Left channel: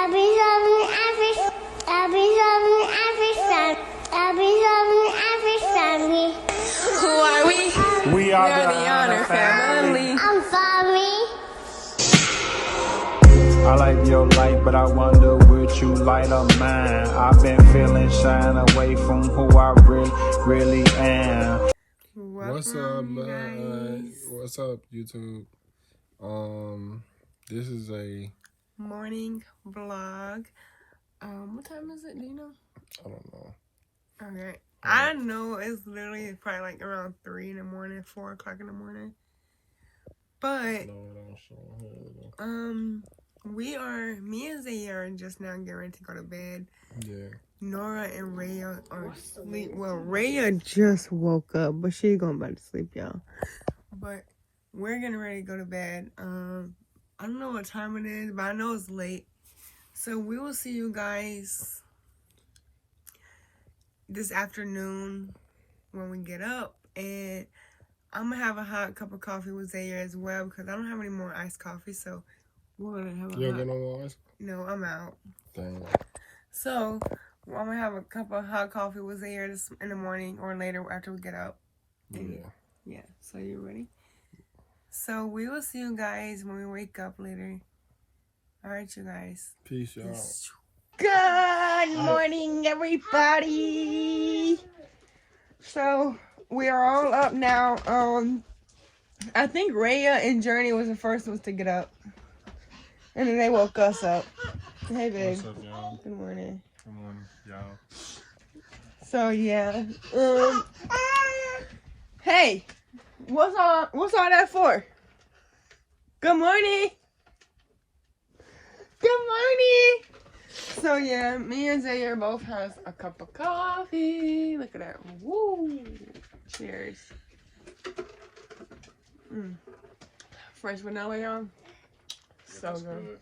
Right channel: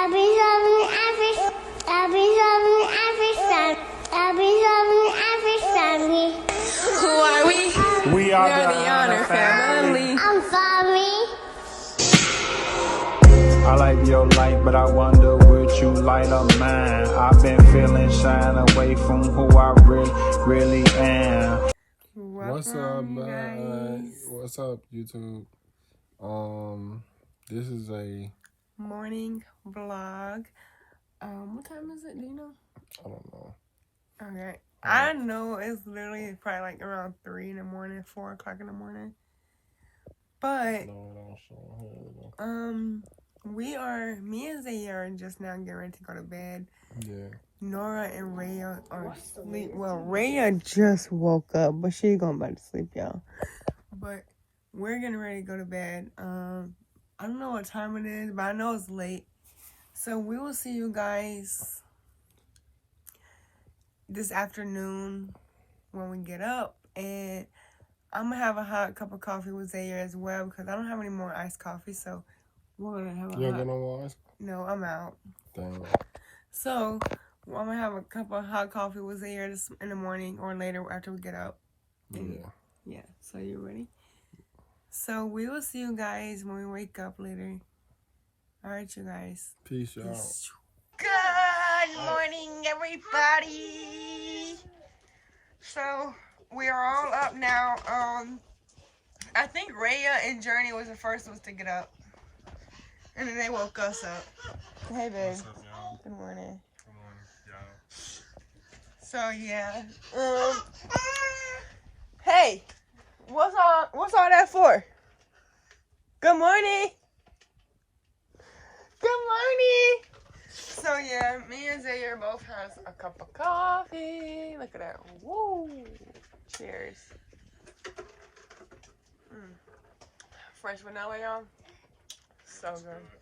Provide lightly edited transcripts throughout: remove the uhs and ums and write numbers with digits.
Who are we? We are the Honor Family. I'm sorry. I like your light, but I wonder would you light up mine? I've been feeling shine away from who I really am. What's up, man? What's up, YouTube? This is a morning vlog. What time is it? Do you know? I don't know. Okay. I know it's literally probably like around 3 in the morning, 4 o'clock in the morning. But No, it don't show here. me and Zaire are just now getting ready to go to bed. Yeah. Nora and Raya are asleep. Well, Raya just woke up, but she's going back to sleep, y'all. But we're getting ready to go to bed. I don't know what time it is, but I know it's late. So we will see you guys this afternoon when we get up. And I'm going to have a hot cup of coffee with Zaire as well because I don't have any more iced coffee. So we're going to have a You don't get no more ice? No, I'm out. Dang. So I'm going to have a cup of hot coffee with Zaire in the morning or later after we get up. Yeah. So you ready? So we will see you guys when we wake up later. All right, you guys. Peace out. Good morning, everybody. So we are all up now. I think Raya and Journey was the first ones to get up, and then they woke us up. Hey, babe. What's up, y'all? Good morning. Good morning, y'all. So yeah. Hey, what's all that for? Good morning. Good morning. So yeah, me and Zaire both has a cup of coffee. Look at that. Woo. Cheers. Fresh vanilla, y'all. So good.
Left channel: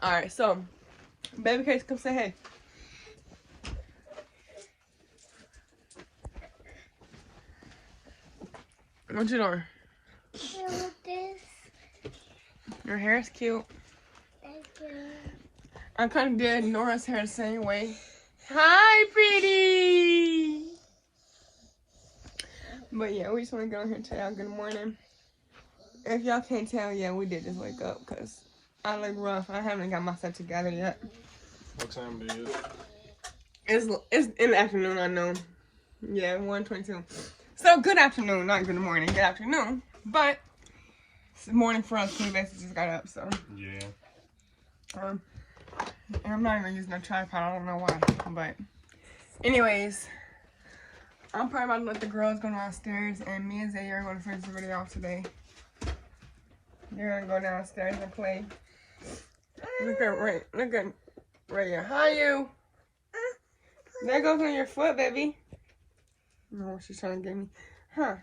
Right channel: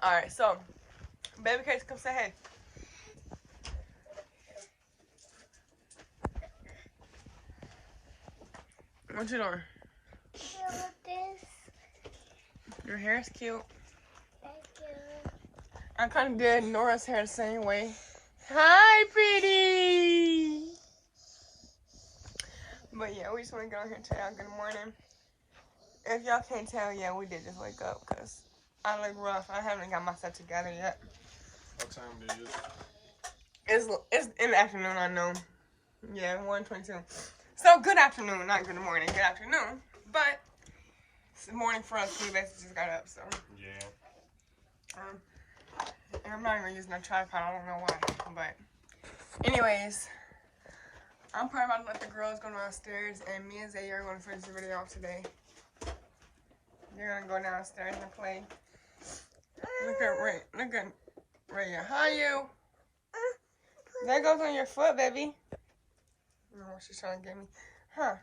Alright, so baby case, come say hey. What you doing? With this. Your hair's cute. Thank you. I kind of did Nora's hair the same way. Hi, pretty. But yeah, we just want to go in here and tell y'all good morning. If y'all can't tell, yeah, we did just wake up because I look rough. I haven't got myself together yet. What time it is? It's in the afternoon, I know. Yeah, 1:22. So good afternoon, not good morning. Good afternoon, but it's morning for us because we basically just got up. So Yeah. and I'm not even using a tripod. I don't know why, but anyways, I'm probably about to let the girls go downstairs, and me and Zaire are going to finish the video off today. They're gonna go downstairs and play. Look at Raya. Hi, you. That goes on your foot, baby. No, she's trying to get me. Huh.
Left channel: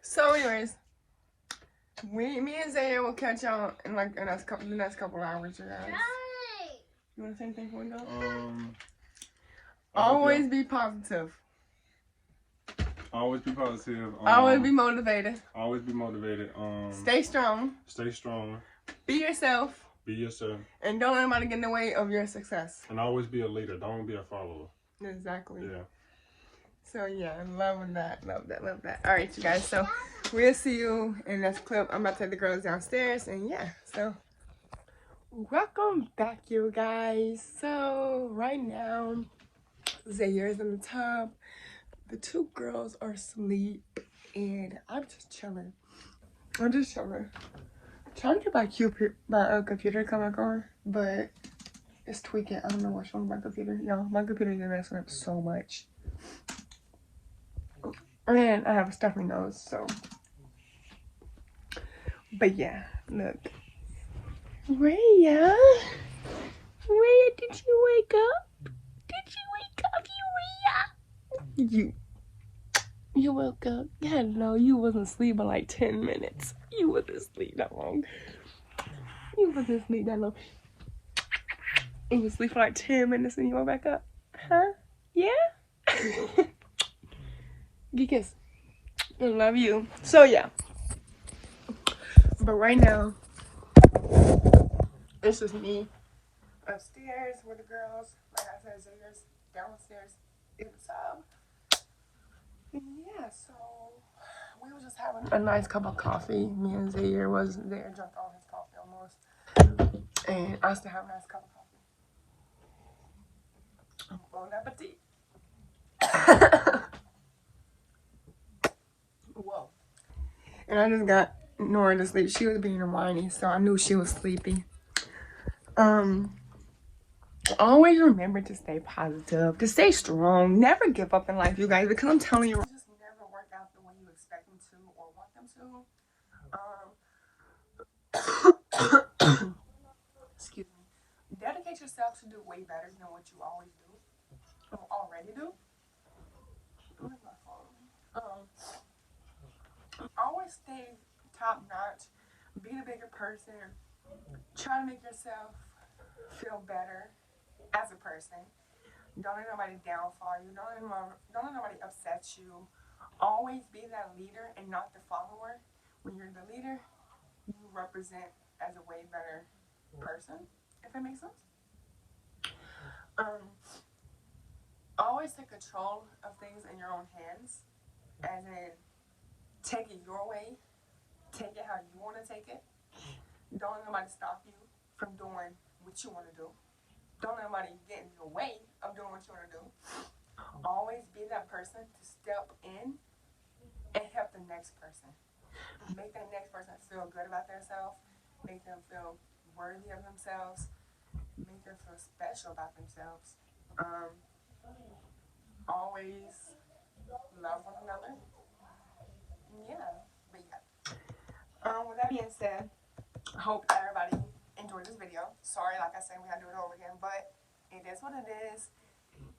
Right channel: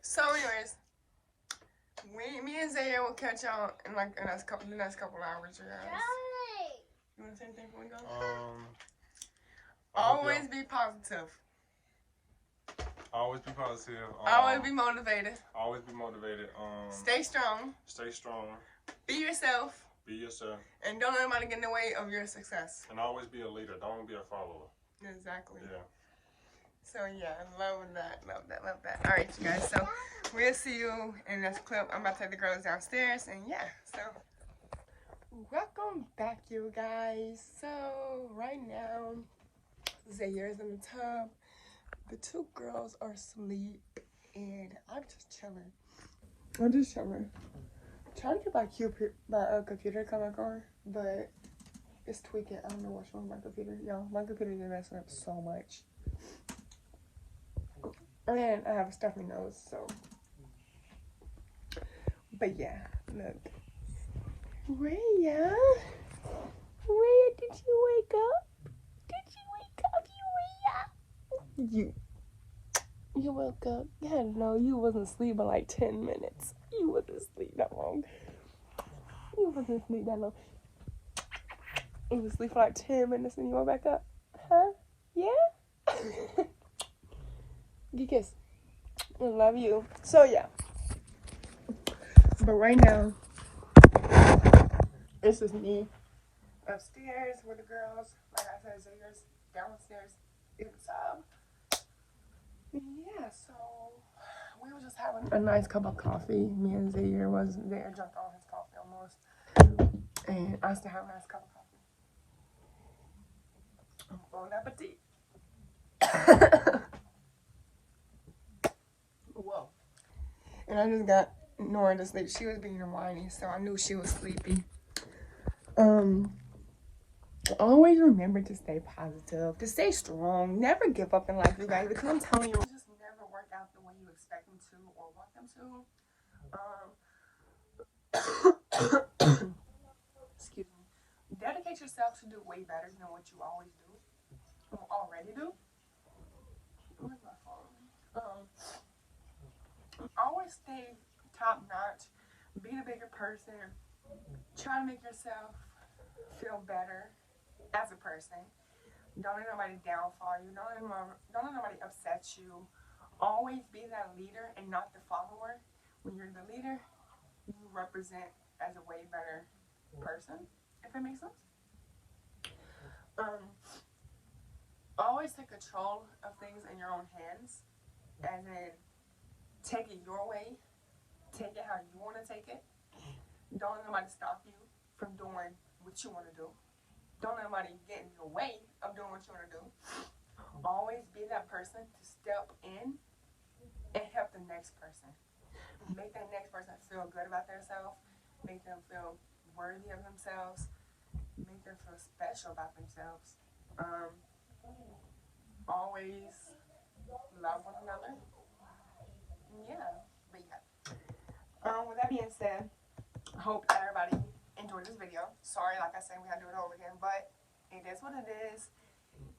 So, anyways, me and Zaire will catch y'all in like the next couple hours, you guys. You want to say anything before we go? Always be positive. Always be positive. Always be motivated. Always be motivated. Stay strong. Stay strong. Be yourself. Be yourself. And don't let anybody get in the way of your success. And always be a leader. Don't be a follower. Exactly. Yeah. So yeah, loving that. Love that. All right, you guys. So we'll see you in this clip. I'm about to take the girls downstairs, and yeah. So welcome back, you guys. So right now, Zaire's in the tub. The two girls are asleep, and I'm just chilling. Trying to get my computer to come back on, but it's tweaking. I don't know what's wrong with my computer. Y'all, my computer is messing up so much. And I have a stuffy nose, so. But yeah, look. Raya, did you wake up? You woke up. Hello, you wasn't asleep for like 10 minutes. You wasn't asleep that long. And you sleep for like 10 minutes and you woke back up. Huh? Yeah? Get a kiss. I love you. So yeah. But right now, It's just me upstairs with the girls. Like I said, Xavier's downstairs in the sub. Yeah, so we were just having a nice cup of coffee. Me and Xavier was there, drank all his coffee almost. And I still have a nice cup of coffee. Bon appetit. Whoa. And I just got Nora to sleep. She was being whiny, so I knew she was sleepy. Always remember to stay positive, to stay strong, never give up in life, you guys, because I'm telling you, just never work out the way you expect them to or want them to. Excuse me. Dedicate yourself to do way better than what you always do or already do. Where's my phone? Always stay top notch. Be a bigger person. Try to make yourself feel better as a person. Don't let nobody downfall you. Don't let nobody upset you. Always be that leader and not the follower. When you're the leader, you represent as a way better person, if that makes sense. Always take control of things in your own hands, as in take it your way, take it how you want to take it. Don't let nobody stop you from doing what you want to do. Don't let nobody get in your way of doing what you want to do. Always be that person to step in and help the next person. Make that next person feel good about themselves. Make them feel worthy of themselves. Make them feel special about themselves. Always love one another. Yeah, but yeah. With that being said, I hope everybody enjoyed this video. Sorry, like I said, we gotta do it over again, but it is what it is.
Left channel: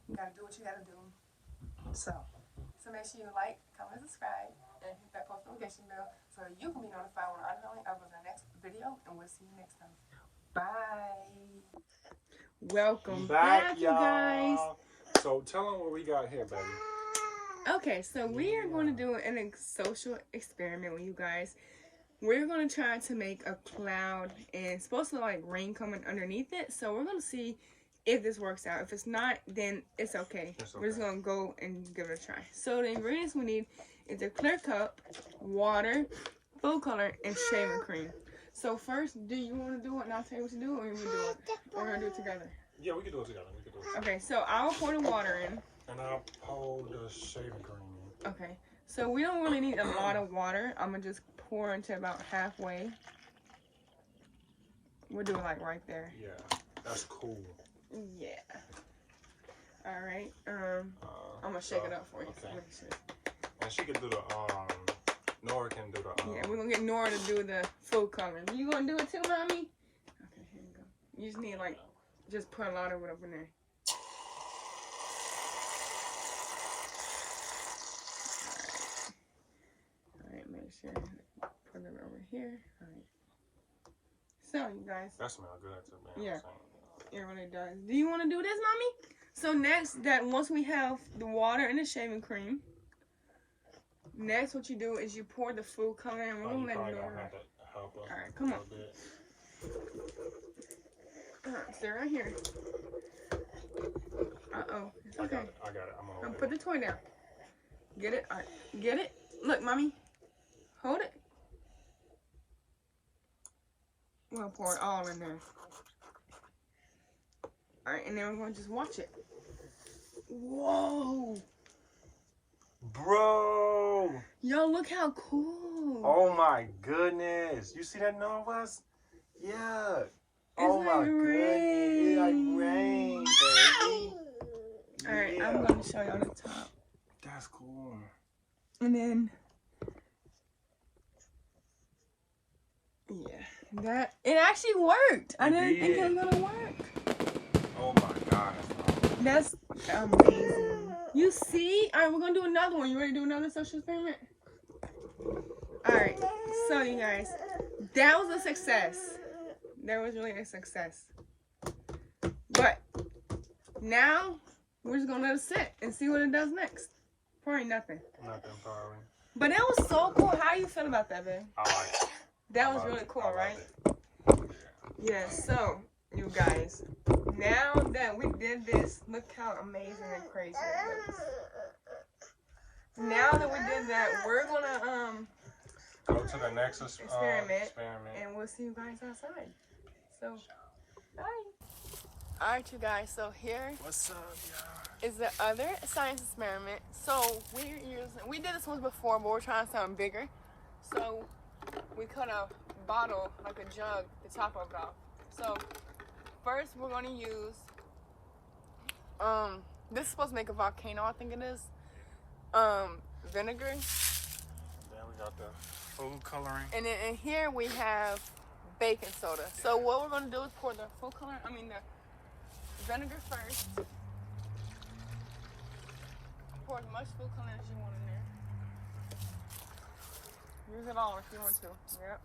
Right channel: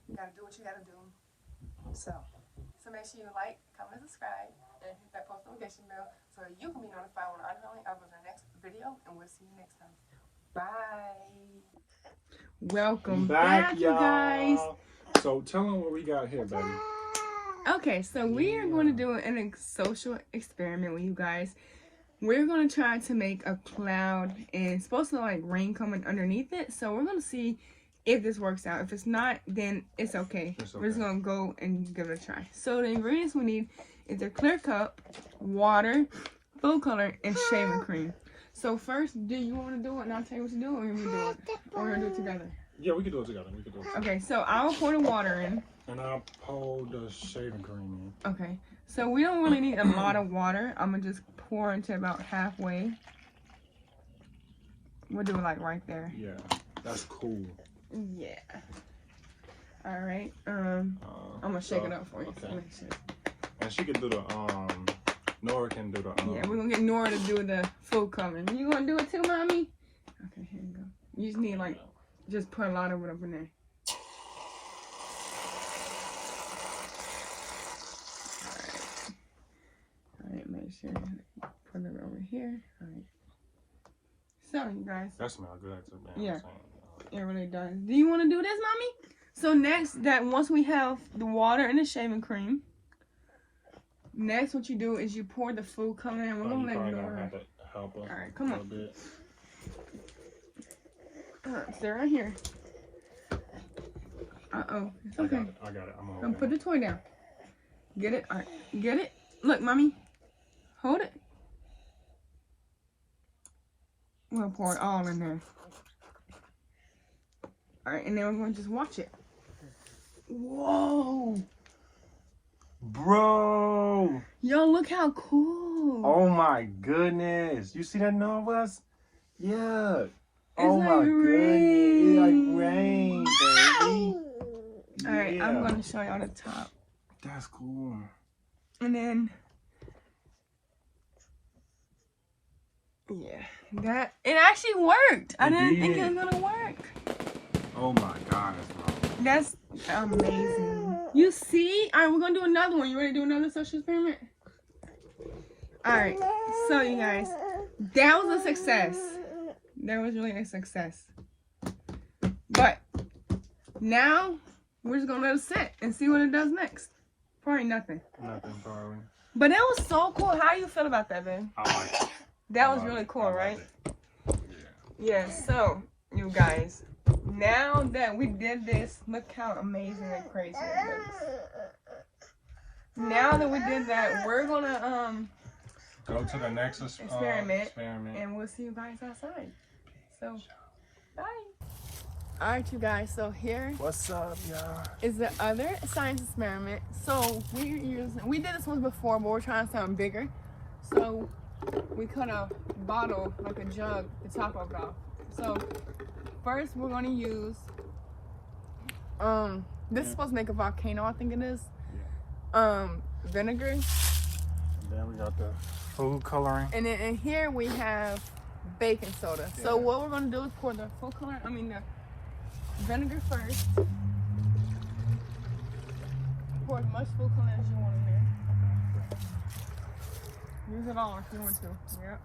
You gotta do what you gotta do. So make sure you like, comment, and subscribe, and hit that post notification bell so you can be notified when I upload the next video, and we'll see you next time. Bye. Welcome back, you guys. So tell them what we got here, baby. Okay, so we are going to do a social experiment with you guys. We're going to try to make a cloud, and it's supposed to like rain coming underneath it. So we're going to see if this works out. If it's not, then it's okay. We're just going to go and give it a try. So the ingredients we need is a clear cup, water, food color, and shaving cream. So first, do you want to do it and I'll tell you what to do, or you want to do it? Or we're going to do it together? Yeah, we can do it together. Okay, so I'll pour the water in. And I'll pour the shaving cream in. Okay, so we don't really need a lot of water. I'm going to just pour into about halfway. We'll do it like right there. Yeah, that's cool. Yeah. All right. I'm gonna shake it up for you. Okay. And she can do the Nora can do the Yeah, we're gonna get Nora to do the food coloring. You gonna do it too, mommy? Okay, here you go. You just need like just put a lot of it up in there. All right, make sure you put it over here. All right. So you guys. That smells good too, man. Yeah. It really does. Do you want to do this, mommy? So next, once we have the water and the shaving cream, next what you do is you pour the food coloring, and we're gonna let Nora have to help her. All right, come a on. little bit. All right, stay right here. It's okay. I got it. I'm Put the toy down. Get it. All right, get it. Look, mommy, hold it. We'll pour it all in there. All right, and then we're going to just watch it. Whoa. Bro. Yo, look how cool. Oh my goodness. You see that Nora? Yeah. Oh my goodness. It's like rain, baby. All right, I'm going to show y'all the top. That's cool. And then, yeah, it actually worked. I didn't think it was gonna work. Oh my God. That's amazing. You see? All right, we're gonna do another one. You ready to do another social experiment? All right. So you guys, that was a success. That was really a success. But now we're just gonna let it sit and see what it does next. Probably nothing. Nothing, probably. But that was so cool. How you feel about that, man? I like it. That was really cool, right? Yeah, Yes, so, you guys, now that we did this, look how amazing and crazy it looks. Now that we did that, we're gonna Go to the next experiment, and we'll see you guys outside. So, bye. Alright, you guys, so here What's up, y'all? is the other science experiment. So we did this one before, but we're trying something bigger. So we cut a bottle, like a jug, the top of it off. So first we're gonna use this is supposed to make a volcano, I think it is. Vinegar. And then we got the food coloring. And then in here we have baking soda. Yeah. So what we're gonna do is pour the full color, the vinegar first. Pour as much food color as you want in there. Use it all if you want to. Yep.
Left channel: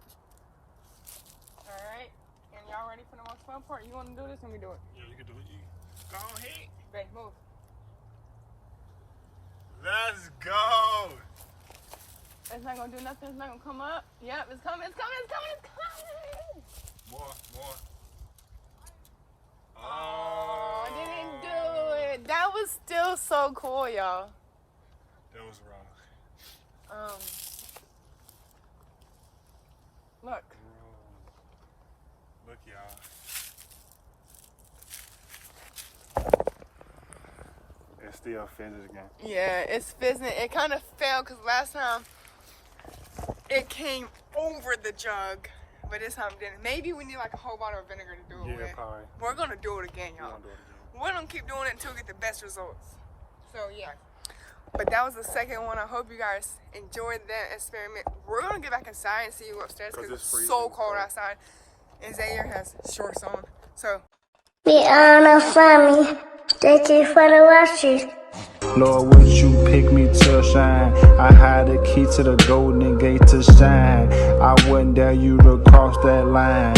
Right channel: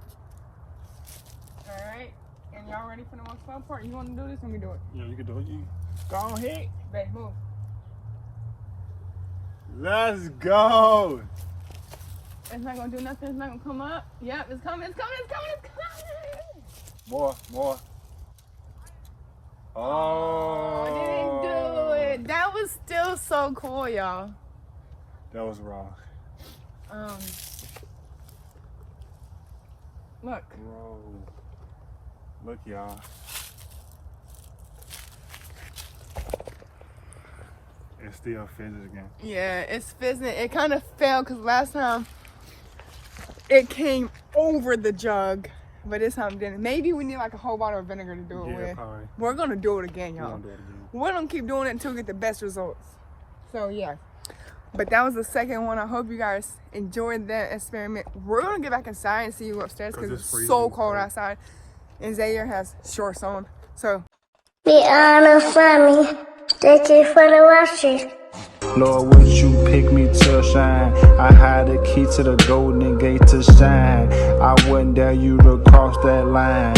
Alright. And y'all ready for the most fun part? You want to do this? Let me do it. Yeah, you can do it. Go ahead. Babe, move. Let's go. It's not gonna do nothing. It's not gonna come up. Yep, it's coming. It's coming. It's coming. It's coming. More. Oh, I didn't do it. That was still so cool, y'all. That was wrong. Look. Whoa. Look, y'all. It still fizzes again. Yeah, it's fizzing. It kind of fell because last time it came over the jug, but this time it didn't. Maybe we need like a whole bottle of vinegar to do it with. Probably. We're gonna do it again, y'all. We're gonna keep doing it until we get the best results. So yeah. But that was the second one. I hope you guys enjoyed that experiment. We're gonna get back inside and see you upstairs because it's so cold outside. And Zaire has shorts on. So We are the family. Thank you for the watching. Lord, would you pick me to shine? I had the key to the golden gate to shine. I wouldn't dare you to cross that line.